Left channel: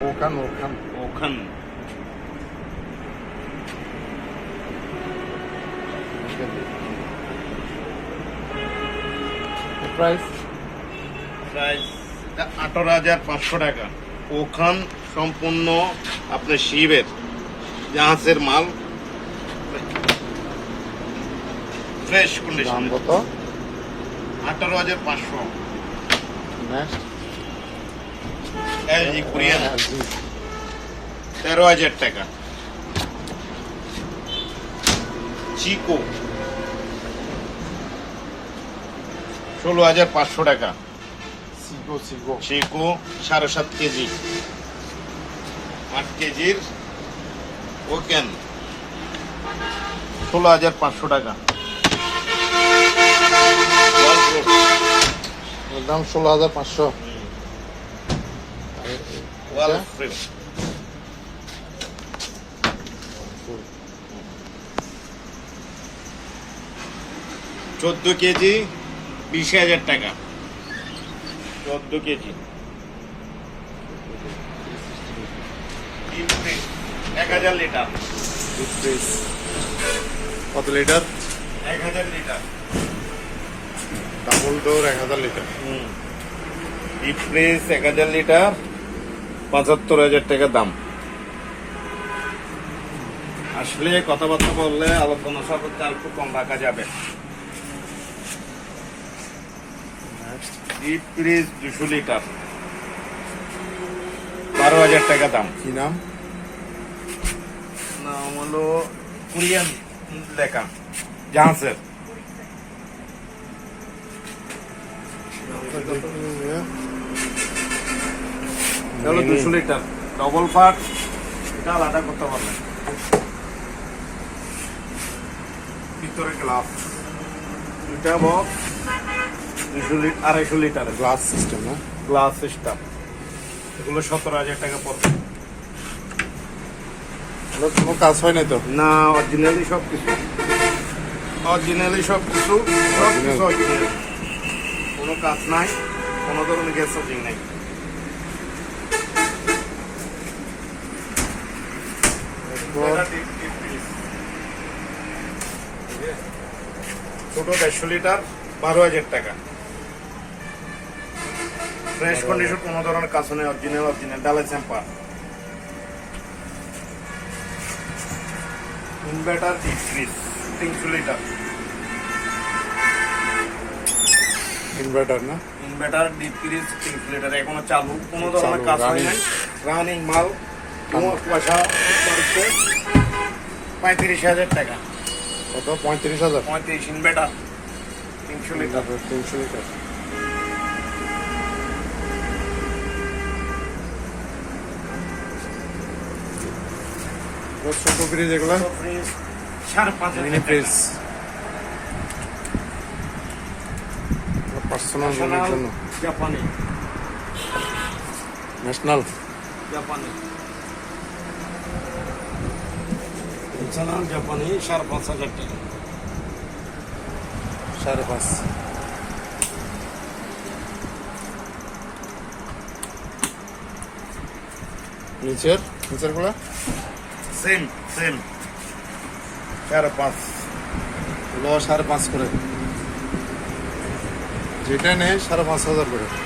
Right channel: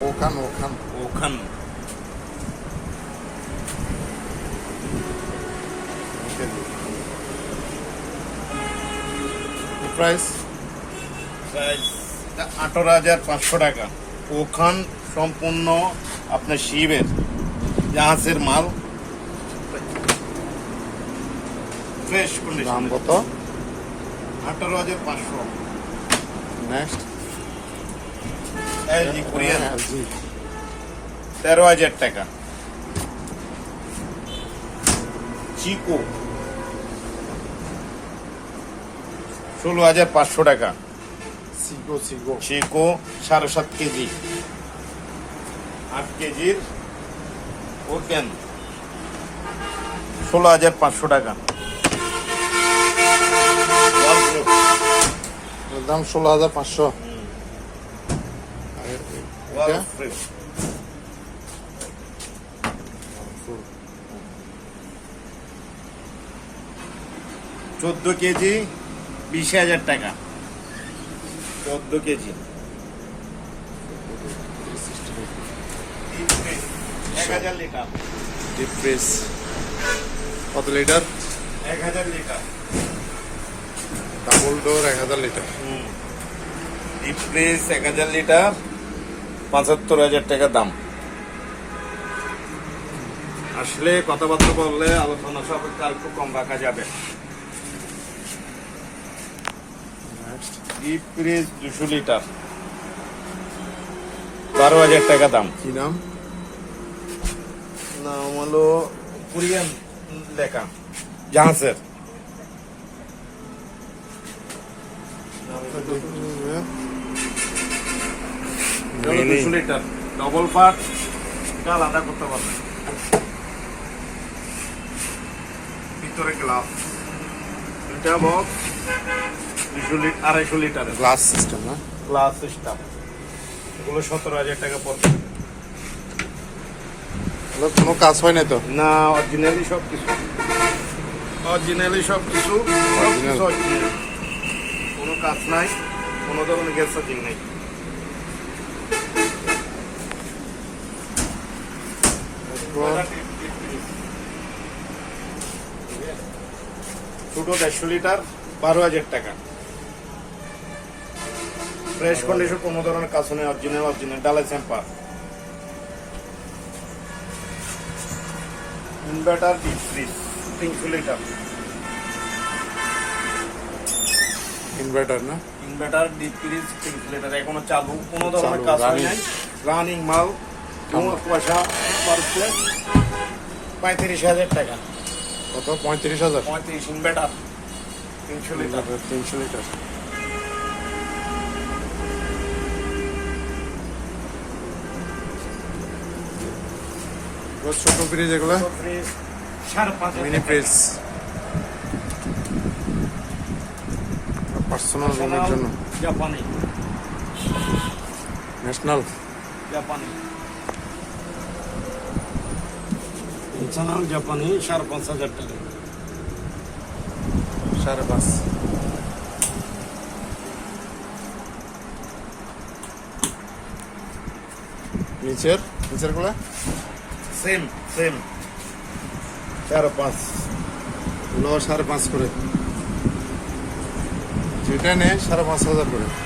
ওখান ওখান ওখান প্রাইস প্রাইস আঠারো হাজার পাঁচশো টাকা। ওখান সম্পূর্ণ আপনার শিবের জাহাজের মাল। ফ্রেশ দাম কত? আঠারো হাজার পাঁচশো। Next Korean. জি। তেরো হাজার টাকা। চিকো। ষোলো হাজার পাঁচশো টাকা। সিগো সিগো চিকো সাড়ে সাত কেজি। আট কেজির ওকেন। ষোলো হাজার পাঁচশো টাকা। দাম ষোলো হাজার পাঁচশো। ওয়ালফুড, চোদ্দ কেজি বিশ হাজার টাকা। চোদ্দ কেজি। এক হাজার লিটার। কত লিটার? এক হাজার লিটার। ডাবল ডোর এক হাজার লিটার। ডিপ ফ্রিজ এক হাজার লিটার। পঁচাত্তর হাজার টাকা দাম। আসলে কথাবার্তা বললে আলোচনা সাপেক্ষে আর একটু কম রাখা যাবে। ডিপ ফ্রিজ দুশো লিটার। বারো হাজার টাকা দাম। কি নাম? নাম হলো কোরিয়ান লেখা জাহাজের দুশো লিটার ডবল পার্ট এটা আলাদা করতে পারবে ভিতরে গ্লাস এটা বক্স দুশো লিটার আড়াইশো লিটার গ্লাস সিস্টেম না? গ্লাস সিস্টেম এগুলো সতেরো হাজার টাকা পড়বে। কোনো কাজ হয় নাই তো? না অরিজিনালি সব কিছু। অরিজিনালি সব কিছু. কোনো কাজ নাই কোনো ধরনের গ্যাস সার্জিং নাই। ছোট দেড়শো লিটার বারো হাজার টাকা। ফ্রেশ কন্ডিশন কোনো ধরনের কাজ নেই অরিজিনাল অরিজিনাল ডালাই স্যাম্পার ইনভার্টার ডিপ ফ্রিজ তিনশো লিটার ইনভার্টার না? ইনভার্টার ডিপ ফ্রিজ তিনশো লিটার এখনও চালু কোনো ধরনের কাজ হয় নাই। রানিং মাল কোনো পয়সা পঁয়ত্রিশ হাজার টাকা। কত? পঁয়ত্রিশ হাজার? পঁয়ত্রিশ ইনভার্টার তিনশো লিটার। তিনশো লিটার। ছোট ফ্রিজ এগুলো? ফ্রিজ সাড়ে পাঁচ মিনি ফ্রিজ পার্সোনাল রুমের জন্য। জাপানি ন্যাশনাল জাপানি ন্যাশনাল জাপানি সাড়ে পাঁচ হাজার টাকা। সাড়ে পাঁচ। নিচের? নিচেরগুলা সেম সেম সাড়ে পাঁচ। এগুলো সাড়ে পাঁচ করে। যেটা নেই সাড়ে পাঁচ হাজার করে।